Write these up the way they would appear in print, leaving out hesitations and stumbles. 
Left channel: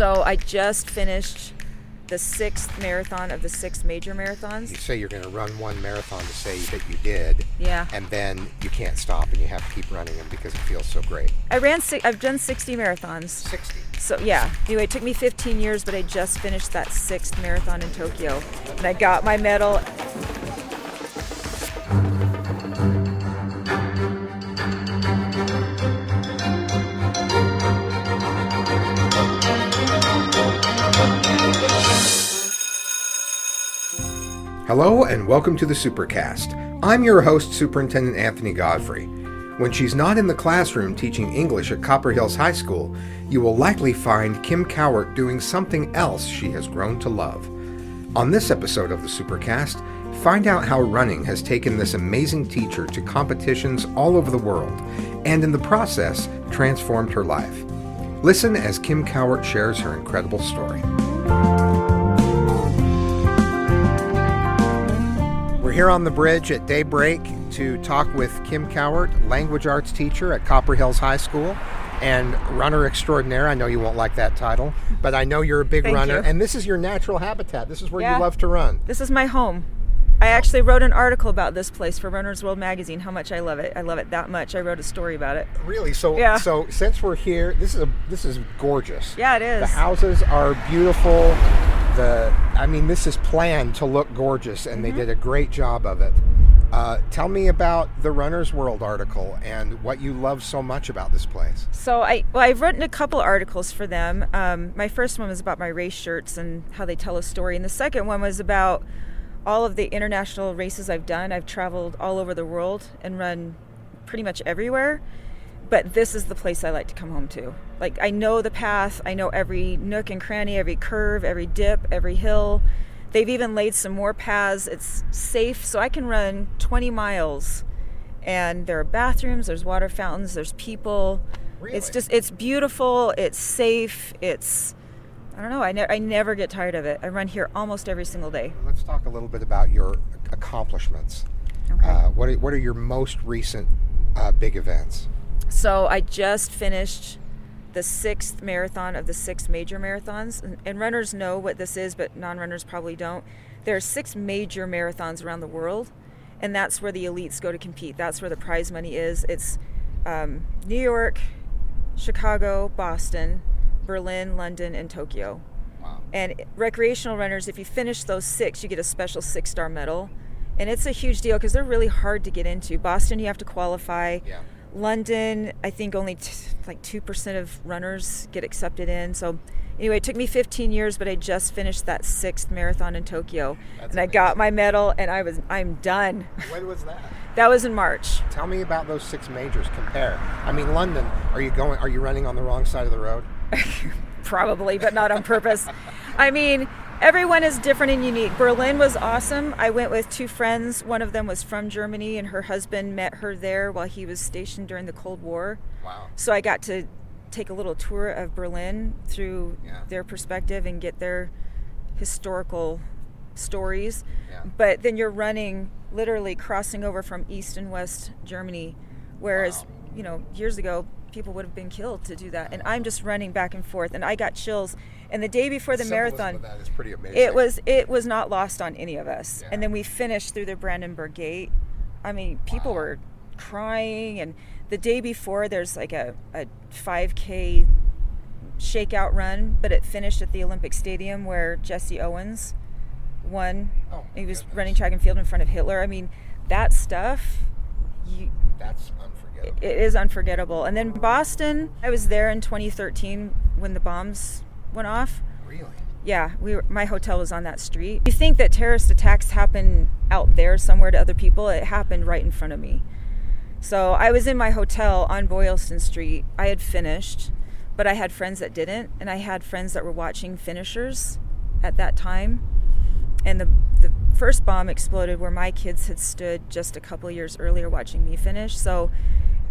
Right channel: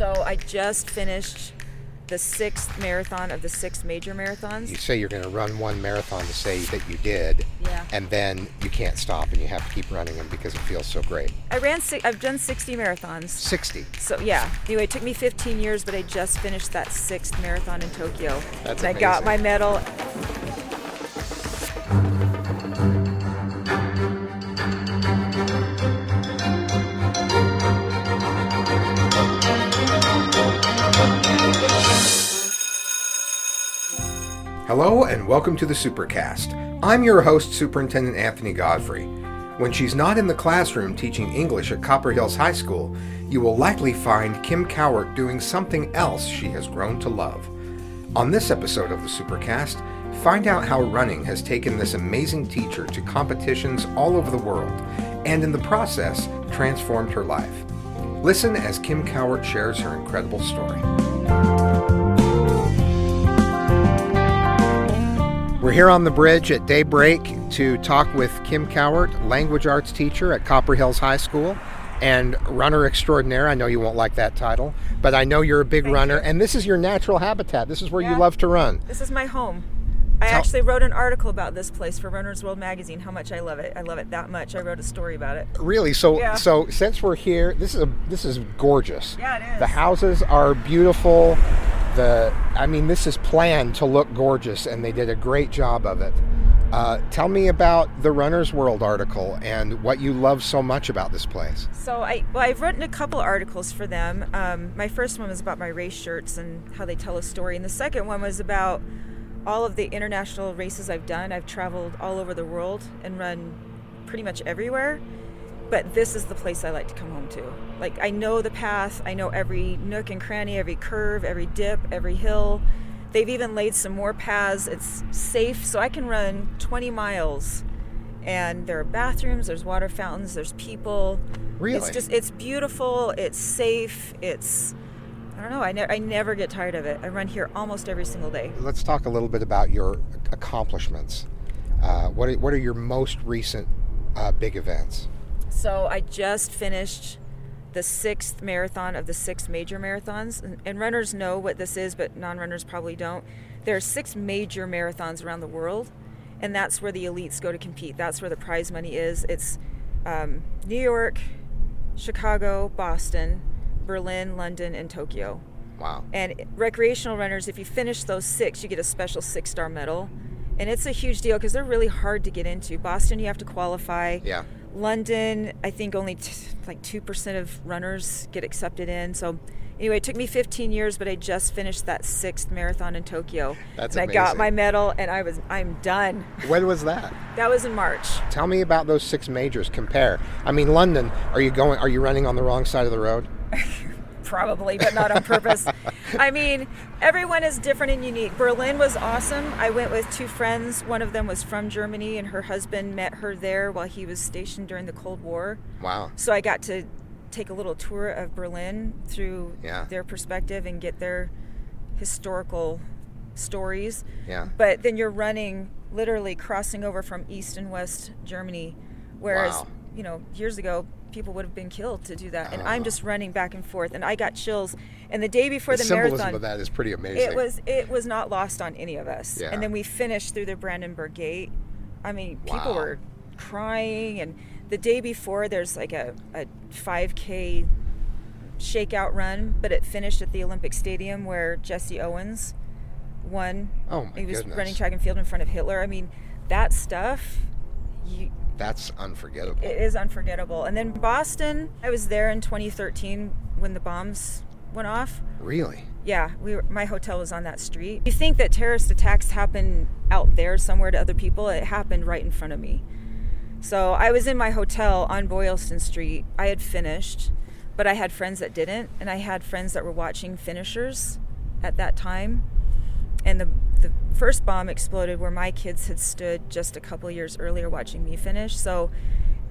So I just finished the 6th marathon of the 6 major marathons. You say you're going to run one marathon to say that you did. Yeah. And then you can't stop and you have to keep running them because it feels so great. I've done 60 marathons. 60. So yeah. Anyway, it took me 15 years, but I just finished that 6th marathon in Tokyo. That's and I got my medal. Hello and welcome to the Supercast. I'm your host, Superintendent Anthony Godfrey. When she's not in the classroom teaching English at Copper Hills High School, you will likely find Kim Cowart doing something else she has grown to love. On this episode of the Supercast, find out how running has taken this amazing teacher to competitions all over the world, and in the process, transformed her life. Listen as Kim Cowart shares her incredible story. We're here on the bridge at daybreak to talk with Kim Cowart, language arts teacher at Copper Hills High School and runner extraordinaire. I know you won't like that title, but I know you're a big runner. And this is your natural habitat. This is where you love to run. This is my home. I actually wrote an article about this place for Runner's World magazine, how much I love it. I love it that much. I wrote a story about it. Really? So since we're here, this is gorgeous. Yeah, it is. The houses are beautiful. This is planned to look gorgeous, and they did a great job of it. Tell me about the Runner's World article and what you love so much about this place. So I've written a couple articles for them. My first one was about my race shirts and how they tell a story, and the second one was about all of the international races I've done. I've traveled all over the world and run pretty much everywhere. But this is the place I like to come home to. Like, I know the path, I know every nook and cranny, every curve, every dip, every hill. They've even laid some more paths. It's safe, so I can run 20 miles. And there are bathrooms, there's water fountains, there's people. Really? It's beautiful, it's safe, I don't know, I never get tired of it. I run here almost every single day. Let's talk a little bit about your accomplishments. Okay. What are your most recent big events? So I just finished the 6th marathon of the 6 major marathons. And runners know what this is, but non-runners probably don't. There are 6 major marathons around the world, and that's where the elites go to compete. That's where the prize money is. It's New York, Chicago, Boston, Berlin, London, and Tokyo. Wow. And recreational runners, if you finish those 6, you get a special 6-star medal. And it's a huge deal because they're really hard to get into. Boston, you have to qualify. Yeah. London, I think only 2% of runners get accepted in. So anyway, it took me 15 years, but I just finished that 6th marathon in Tokyo. That's and amazing. I got my medal, and I'm done. When was that? That was in March. Tell me about those 6 majors. Compare. I mean, London, are you running on the wrong side of the road? Probably, but not on purpose. I mean, everyone is different and unique. Berlin was awesome. I went with 2 friends. One of them was from Germany, and her husband met her there while he was stationed during the Cold War. Wow. So I got to take a little tour of Berlin through their perspective and get their historical stories. Yeah. But then you're running, literally crossing over from East and West Germany, whereas, years ago, people would have been killed to do that. And I'm just running back and forth, and I got chills. And the day before the marathon, symbolism of that is pretty amazing. It was not lost on any of us. Yeah. And then we finished through the Brandenburg Gate. I mean, people were crying. And the day before, there's like a 5K shakeout run, but it finished at the Olympic Stadium where Jesse Owens won. Oh my He was goodness. running track and field in front of Hitler. I mean, that stuff. That's unforgettable. It is unforgettable. And then Boston, I was there in 2013 when the bombs went off. Really? Yeah, my hotel was on that street. You think that terrorist attacks happen out there somewhere to other people? It happened right in front of me. So I was in my hotel on Boylston Street. I had finished, but I had friends that didn't, and I had friends that were watching finishers at that time. And the first bomb exploded where my kids had stood just a couple years earlier watching me finish. So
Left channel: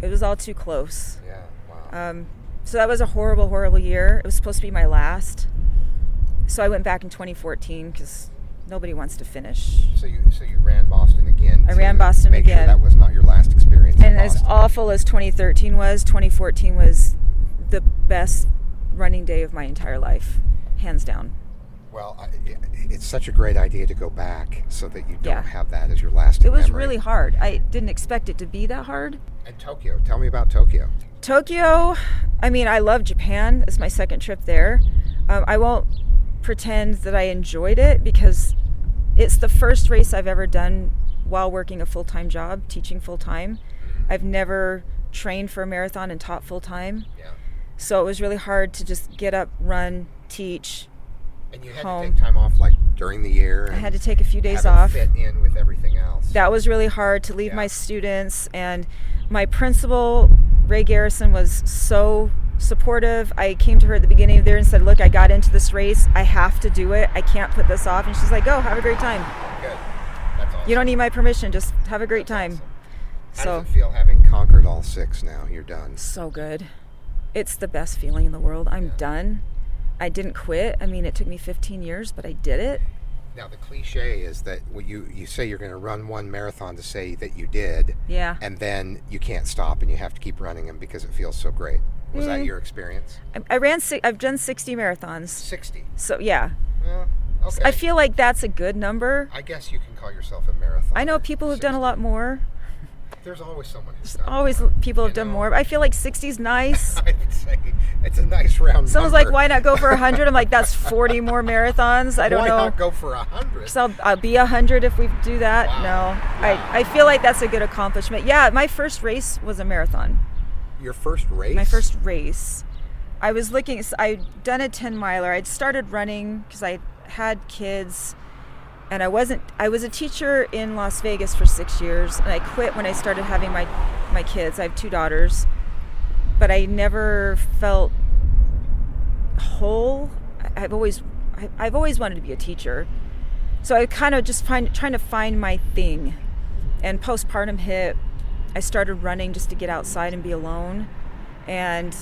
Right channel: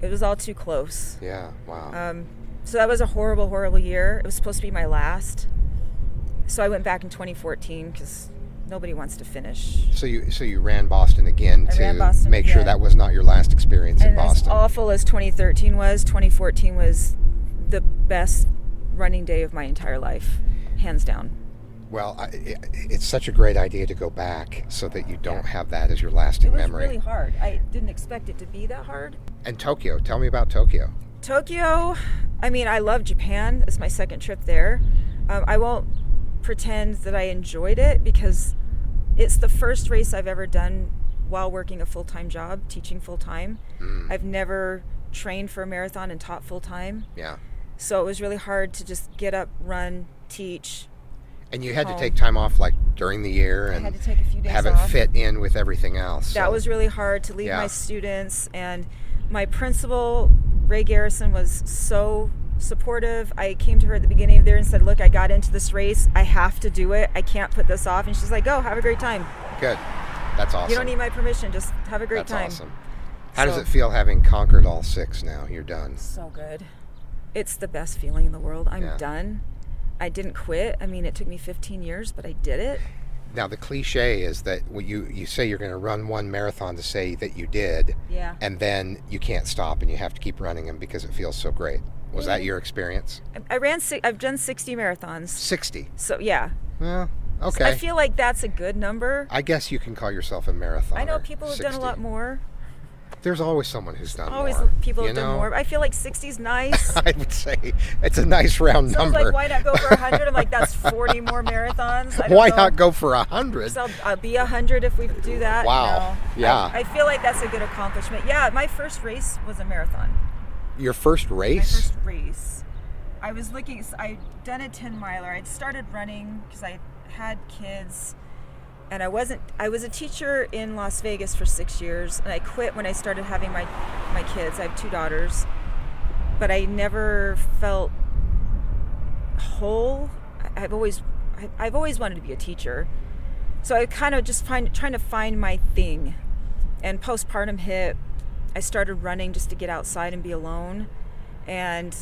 it was all too close. Yeah, wow. So that was a horrible, horrible year. It was supposed to be my last. So I went back in 2014 because nobody wants to finish. So you ran Boston again. I ran Boston make again. sure that was not your last experience in And as Boston. awful as 2013 was, 2014 was the best running day of my entire life, hands down. Well, it's such a great idea to go back so that you don't Yeah. have that as your lasting It was memory. really hard. I didn't expect it to be that hard. And Tokyo, tell me about Tokyo. Tokyo, I mean, I love Japan. It's my second trip there. I won't pretend that I enjoyed it because it's the first race I've ever done while working a full-time job, teaching full-time. I've never trained for a marathon and taught full-time. Yeah. So it was really hard to just get up, run, teach. And you had home. to take time off like during the year and I had to take a few days have off. it fit in with everything else. That So- was really hard to leave Yeah. my students, and my principal, Ray Garrison, was so supportive. I came to her at the beginning of the year and said, look, I got into this race. I have to do it. I can't put this off. And she's like, go, have a great time. Good. That's awesome. You don't need my permission. Just have a great That's time. Awesome. How does it feel having conquered all 6 now? You're done. So good. It's the best feeling in the world. I'm Yeah. done. I didn't quit. I mean, it took me 15 years, but I did it. Now, the cliche is that you say you're going to run one marathon to say that you did, Yeah. and then you can't stop and you have to keep running them because it feels so great. Was that your experience? I've done 60 marathons. 60. So yeah. Well, okay. I feel like that's a good number. I guess you can call yourself a marathon. I know people who've done a lot more. There's always someone who's done Always more. people have done more. I feel like 60's nice. I would say it's a nice round Someone's number. like, why not go for 100? I'm like, that's 40 more marathons. I don't Why know. not go for 100? So I'll be 100 if we do that. Wow. No. Yeah. I feel like that's a good accomplishment. Yeah, my first race was a marathon. Your first race? My first race. I was looking, I'd done a 10 miler. I'd started running because I had kids. And I was a teacher in Las Vegas for 6 years, and I quit when I started having my kids. I have 2 daughters, but I never felt whole. I've always wanted to be a teacher. So I kind of just trying to find my thing. And postpartum hit. I started running just to get outside and be alone. And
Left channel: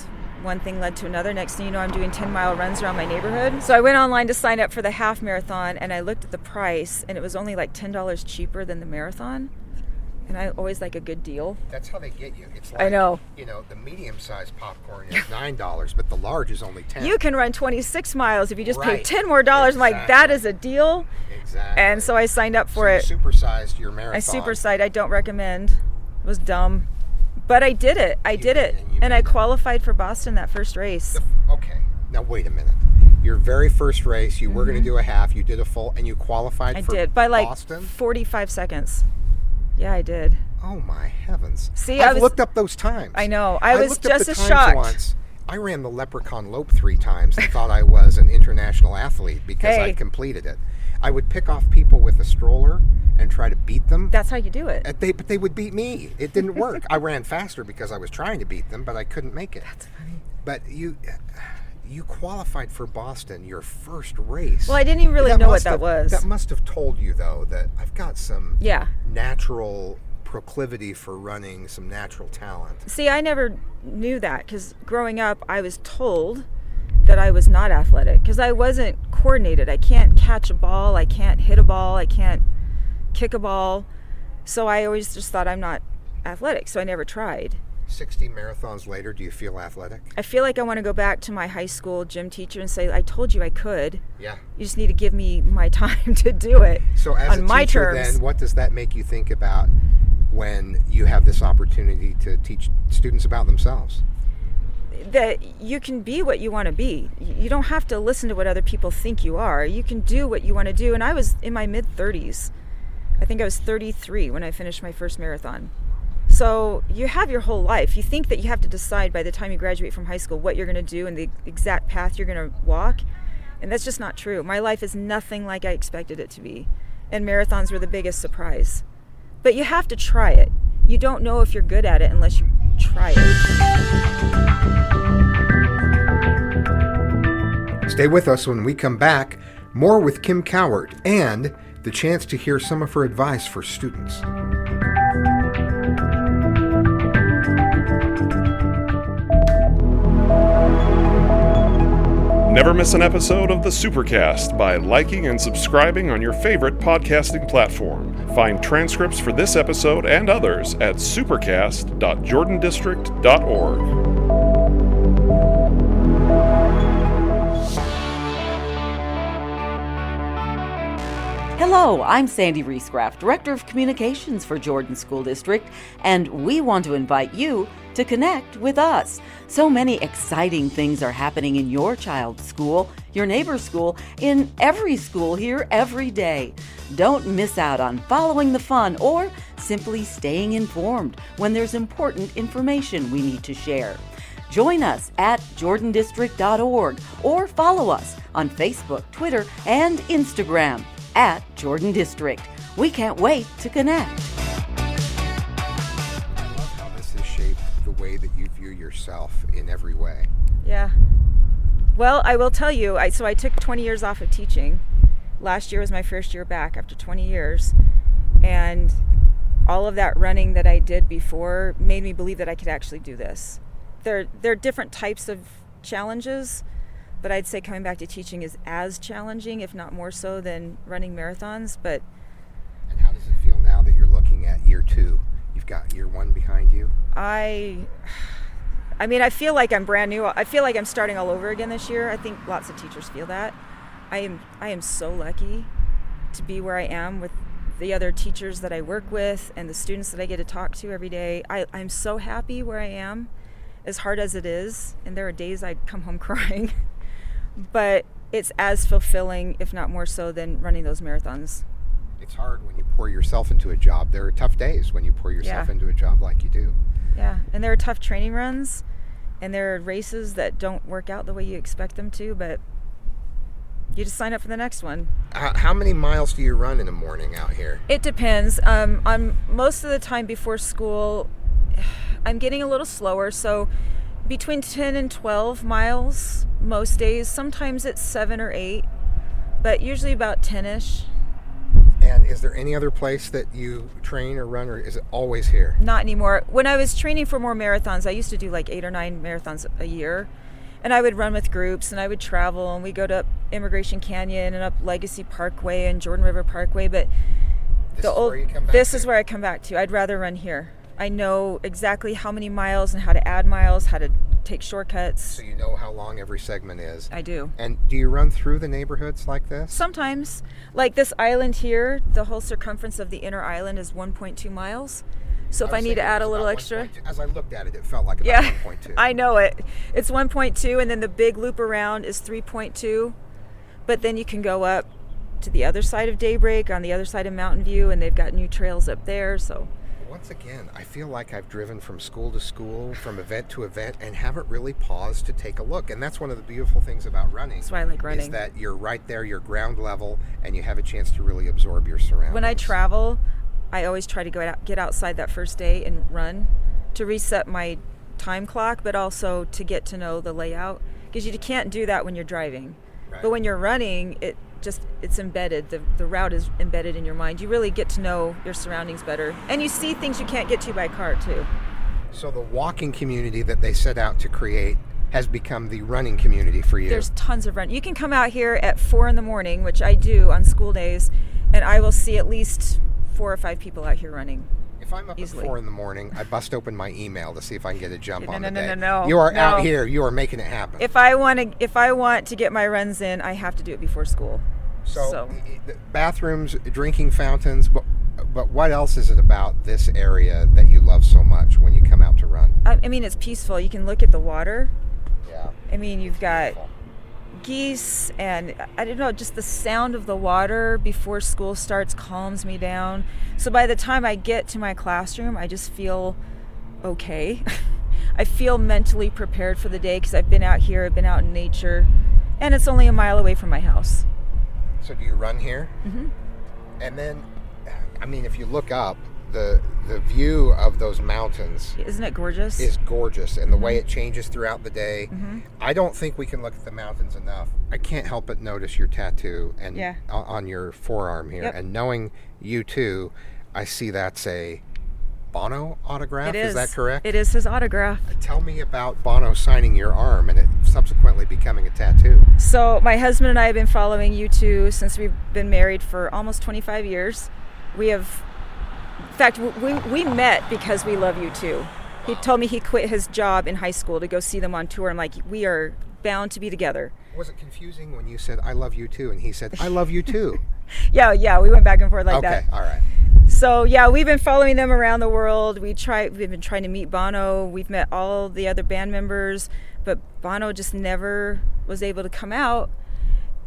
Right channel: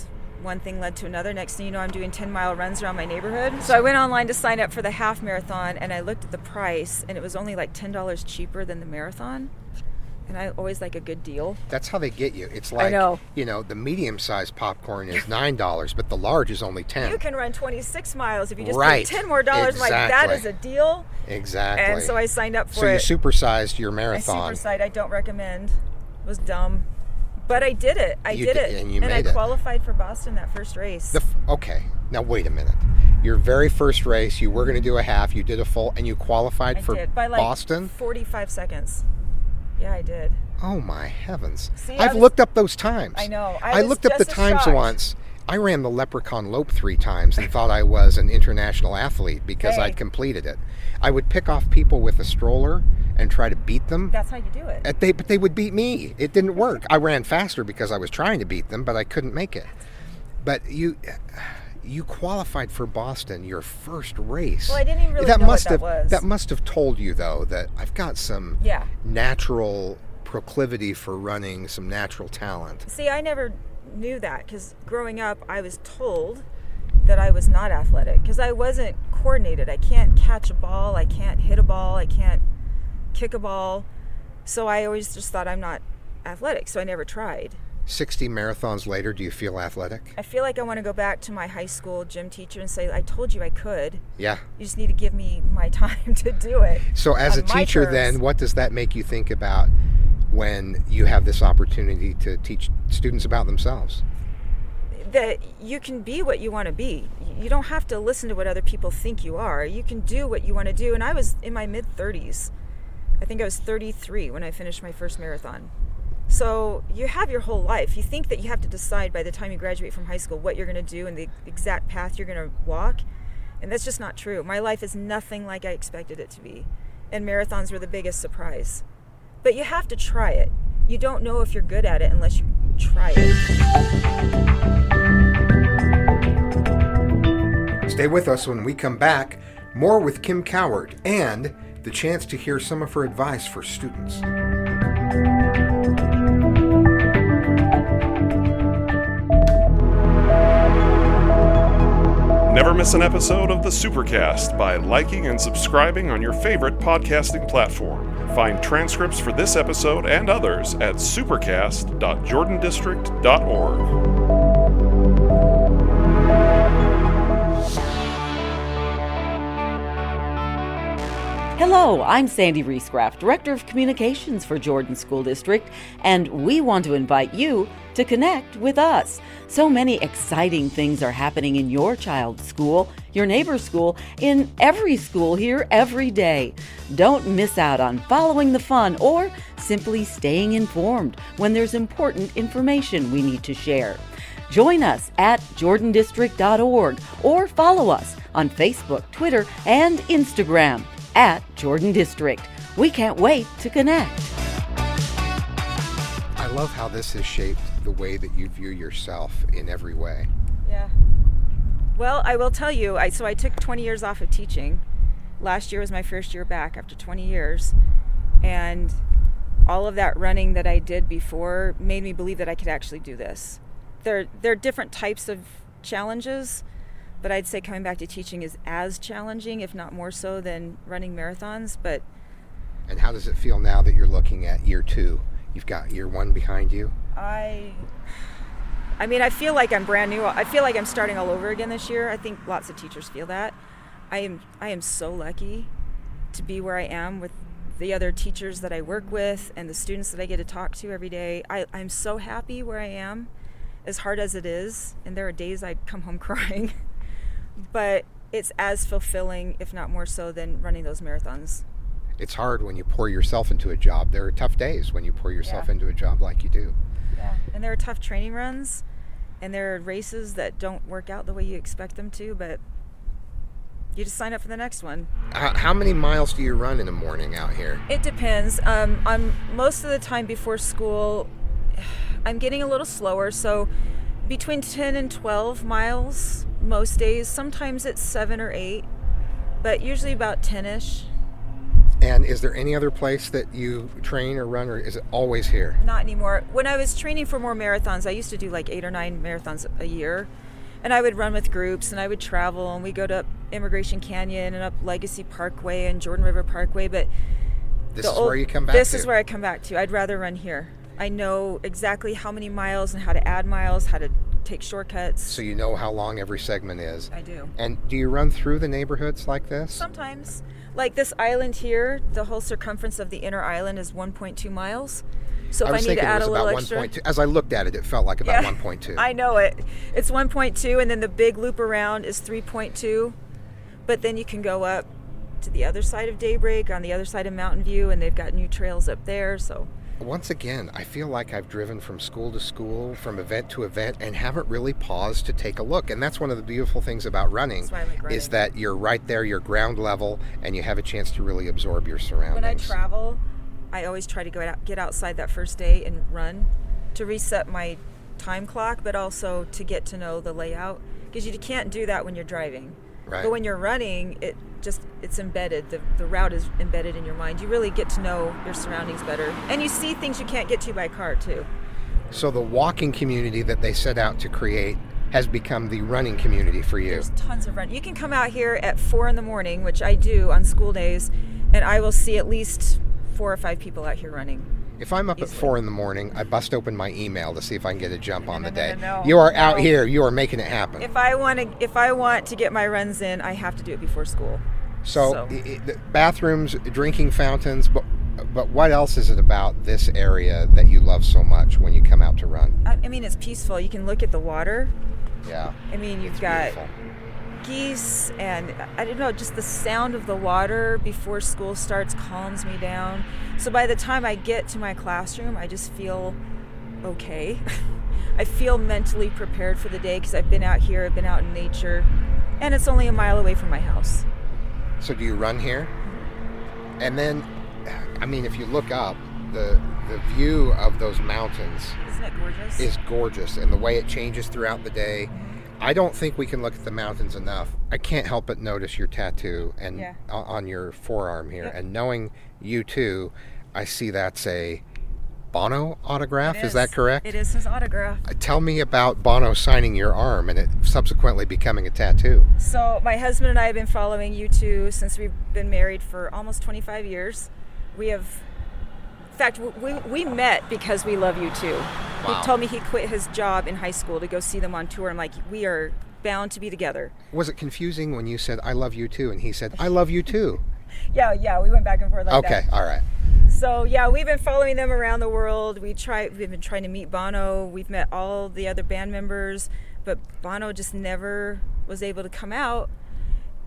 one thing led to another. Next thing you know, I'm doing 10-mile runs around my neighborhood. So I went online to sign up for the half marathon, and I looked at the price, and it was only like $10 cheaper than the marathon. And I always like a good deal. That's how they get you. It's like, I know. The medium-sized popcorn is $9, but the large is only $10. You can run 26 Right. miles if you just pay $10 more. I'm like, that is a deal. Exactly. And so I signed up for it. So you supersized your marathon. I supersized. I don't recommend. It was dumb. But I did it. I did it. And you And I made it. qualified for Boston that first race. Okay. Now, wait a minute. Your very first race, you were going to do a half, you did a full, and you qualified for did. By like Boston? 45 seconds. Yeah, I did. Oh, my heavens. See, I've looked up those times. I know. I was looked up just the as times shocked. once. I ran the Leprechaun Lope 3 times and thought I was an international athlete because Hey. I'd completed it. I would pick off people with a stroller and try to beat them. That's how you do it. But they would beat me. It didn't work. I ran faster because I was trying to beat them, but I couldn't make it. But you qualified for Boston, your first race. Well, I didn't even really know what that was. That must have told you, though, that I've got some Yeah. natural proclivity for running, some natural talent. See, I never knew that because growing up, I was told that I was not athletic because I wasn't coordinated. I can't catch a ball. I can't hit a ball. I can't kick a ball. So I always just thought I'm not athletic. So I never tried. 60 marathons later, do you feel athletic? I feel like I want to go back to my high school gym teacher and say, I told you I could. Yeah. You just need to give me my time to do it. So as a on my teacher, terms. then, what does that make you think about when you have this opportunity to teach students about themselves? That you can be what you want to be. You don't have to listen to what other people think you are. You can do what you want to do. And I was in my mid-30s. I think I was 33 when I finished my first marathon. So you have your whole life. You think that you have to decide by the time you graduate from high school what you're going to do and the exact path you're going to walk. And that's just not true. My life is nothing like I expected it to be. And marathons were the biggest surprise. But you have to try it. You don't know if you're good at it unless you try it. Stay with us when we come back. More with Kim Cowart and the chance to hear some of her advice for students. Never miss an episode of the Supercast by liking and subscribing on your favorite podcasting platform. Find transcripts for this episode and others at supercast.jordandistrict.org. Hello, I'm Sandy Riesgraff, Director of Communications for Jordan School District, and we want to invite you to connect with us. So many exciting things are happening in your child's school, your neighbor's school, in every school here every day. Don't miss out on following the fun or simply staying informed when there's important information we need to share. Join us at jordandistrict.org or follow us on Facebook, Twitter, and Instagram at Jordan District. We can't wait to connect. I love how this has shaped the way that you view yourself in every way. Yeah. Well, I will tell you, I took 20 years off of teaching. Last year was my first year back after 20 years. And all of that running that I did before made me believe that I could actually do this. There are different types of challenges, but I'd say coming back to teaching is as challenging, if not more so, than running marathons. And how does it feel now that you're looking at year 2? You've got year 1 behind you. I feel like I'm brand new. I feel like I'm starting all over again this year. I think lots of teachers feel that. I am so lucky to be where I am with the other teachers that I work with and the students that I get to talk to every day. I'm so happy where I am, as hard as it is. And there are days I come home crying. But it's as fulfilling, if not more so, than running those marathons. It's hard when you pour yourself into a job. There are tough days when you pour yourself into a job like you do. Yeah, and there are tough training runs, and there are races that don't work out the way you expect them to, but you just sign up for the next one. How many miles do you run in a morning out here? It depends. I'm most of the time before school, I'm getting a little slower, so between 10 and 12 miles most days. Sometimes it's 7 or 8, but usually about 10-ish. And is there any other place that you train or run, or is it always here? Not anymore. When I was training for more marathons, I used to do like 8 or 9 marathons a year. And I would run with groups, and I would travel, and we go to Immigration Canyon and up Legacy Parkway and Jordan River Parkway. But this is where you come back to? This is where I come back to. I'd rather run here. I know exactly how many miles and how to add miles, how to take shortcuts. So you know how long every segment is. I do. And do you run through the neighborhoods like this? Sometimes. Like this island here, the whole circumference of the inner island is 1.2 miles. So if I need to add a little extra. As I looked at it, it felt like about 1.2. I know it. It's 1.2, and then the big loop around is 3.2. But then you can go up to the other side of Daybreak, on the other side of Mountain View, and they've got new trails up there. So once again, I feel like I've driven from school to school, from event to event, and haven't really paused to take a look. And that's one of the beautiful things about running. That's why I like running. Is that you're right there, you're ground level, and you have a chance to really absorb your surroundings. When I travel, I always try to get outside that first day and run to reset my time clock, but also to get to know the layout. Because you can't do that when you're driving. Right. But when you're running, it's embedded. The route is embedded in your mind. You really get to know your surroundings better. And you see things you can't get to by car, too. So the walking community that they set out to create has become the running community for you. There's tons of running. You can come out here at 4 in the morning, which I do on school days, and I will see at least 4 or 5 people out here running. If I'm up easily. At 4 in the morning, I bust open my email to see if I can get a jump on the day. No. You are out here. You are making it happen. If I want to get my runs in, I have to do it before school. So the bathrooms, drinking fountains, but what else is it about this area that you love so much when you come out to run? I mean, it's peaceful. You can look at the water. Yeah. I mean, you've got geese, and I don't know, just the sound of the water before school starts calms me down. So by the time I get to my classroom, I just feel okay. I feel mentally prepared for the day because I've been out here, I've been out in nature, and it's only a mile away from my house. So do you run here? Mm-hmm. And then, I mean, if you look up, the view of those mountains, isn't it gorgeous? Is gorgeous, and the way it changes throughout the day. Mm-hmm. I don't think we can look at the mountains enough. I can't help but notice your tattoo and on your forearm here. Yep. And knowing you too, I see that's a Bono autograph. Is that correct? It is his autograph. Tell me about Bono signing your arm and it subsequently becoming a tattoo. So my husband and I have been following U2 since we've been married for almost 25 years. In fact, we met because we love U2. Wow. He told me he quit his job in high school to go see them on tour. I'm like, we are bound to be together. Was it confusing when you said, I love you too, and he said, I love you too? Yeah, we went back and forth like that. Okay, all right. So yeah, we've been following them around the world. We've been trying to meet Bono. We've met all the other band members, but Bono just never was able to come out.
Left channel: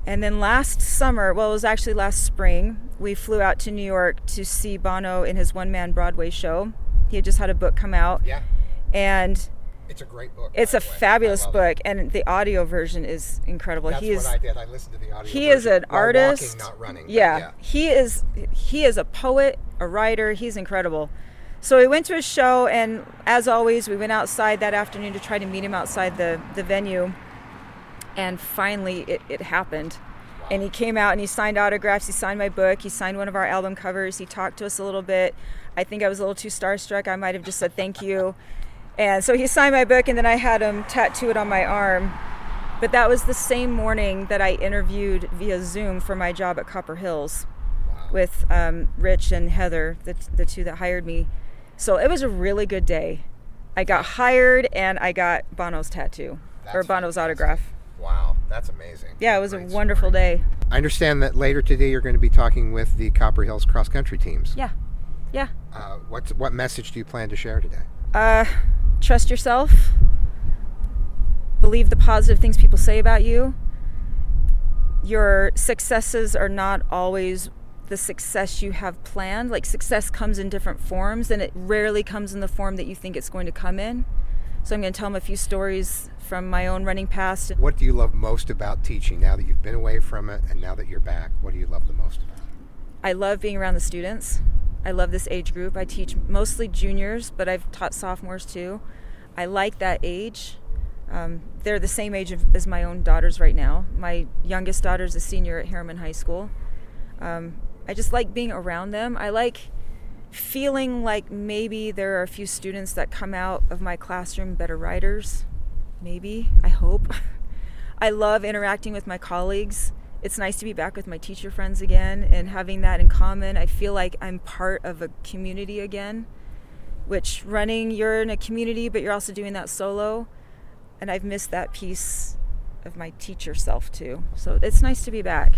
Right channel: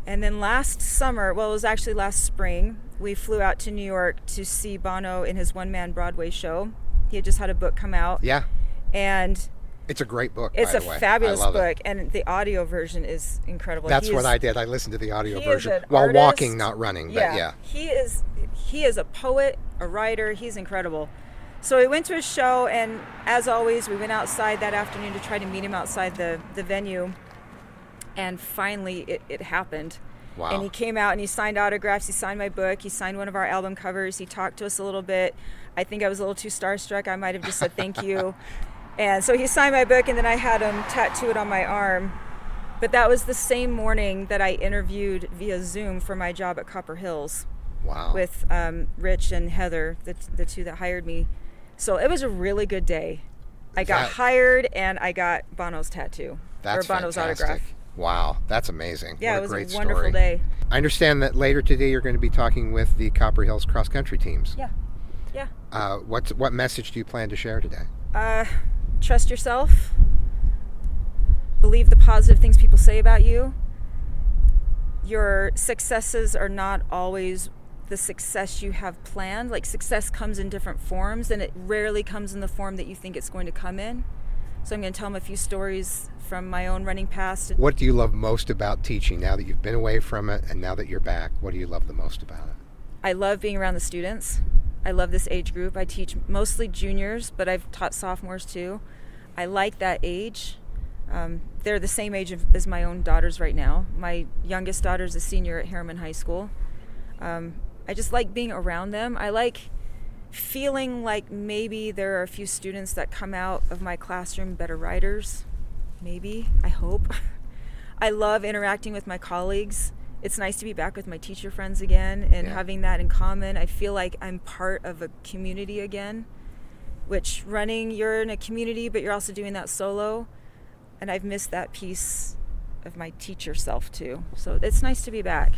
And then last summer, well, it was actually last spring, we flew out to New York to see Bono in his one-man Broadway show. He had just had a book come out. Yeah. And it's a great book. It's by a the way. fabulous I love book, it. and the audio version is incredible. That's what I did. I listened to the audio he version is an while artist. walking, not running. Yeah, But yeah. He is a poet, a writer. He's incredible. So we went to his show, and as always, we went outside that afternoon to try to meet him outside the venue. And finally, it happened. Wow. And he came out and he signed autographs. He signed my book. He signed one of our album covers. He talked to us a little bit. I think I was a little too starstruck. I might have just said thank you. And so he signed my book, and then I had him tattoo it on my arm. But that was the same morning that I interviewed via Zoom for my job at Copper Hills. Wow. With Rich and Heather, the two that hired me. So it was a really good day. I got hired, and I got Bono's tattoo, or Bono's fantastic. autograph. Wow, that's amazing. Yeah, What it was a great wonderful story. day. I understand that later today you're going to be talking with the Copper Hills cross country teams. Yeah. What message do you plan to share today? Trust yourself. Believe the positive things people say about you. Your successes are not always the success you have planned. Like, success comes in different forms, and it rarely comes in the form that you think it's going to come in. So I'm going to tell them a few stories from my own running past. What do you love most about teaching now that you've been away from it and now that you're back? What do you love the most about it? I love being around the students. I love this age group. I teach mostly juniors, but I've taught sophomores too. I like that age. They're the same age as my own daughters right now. My youngest daughter is a senior at Harriman High School. I just like being around them. I like feeling like maybe there are a few students that come out of my classroom better writers. Maybe, I hope. I love interacting with my colleagues. It's nice to be back with my teacher friends again and having that in common. I feel like I'm part of a community again, which running, you're in a community, but you're also doing that solo. And I've missed that piece of my teacher self too. So it's nice to be back.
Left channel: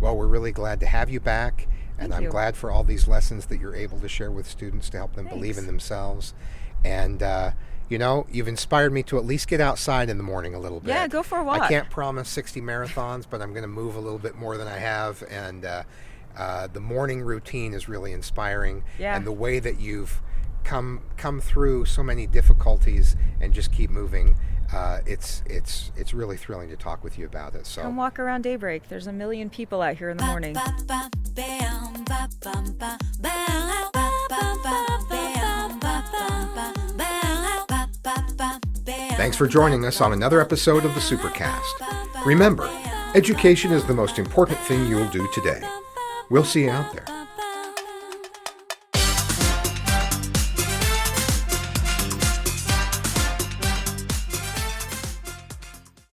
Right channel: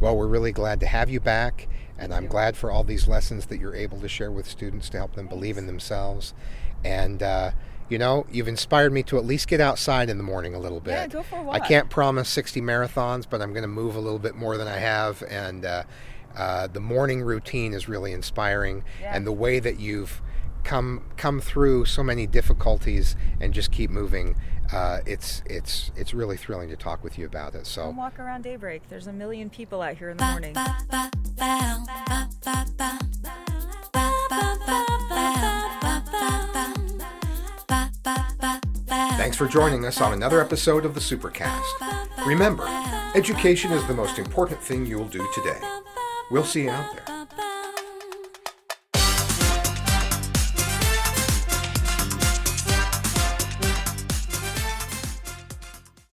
Well, we're really glad to have you back, and Thank I'm you. glad for all these lessons that you're able to share with students to help them believe in themselves. And, you've inspired me to at least get outside in the morning a little bit. Yeah, go for a walk. I can't promise 60 marathons, but I'm going to move a little bit more than I have. And the morning routine is really inspiring. Yeah. And the way that you've come through so many difficulties and just keep moving, it's really thrilling to talk with you about it. So Come walk around daybreak. There's a million people out here in the morning. thanks for joining us on another episode of the Supercast. Remember, education is the most important thing you'll do today. We'll see you out there.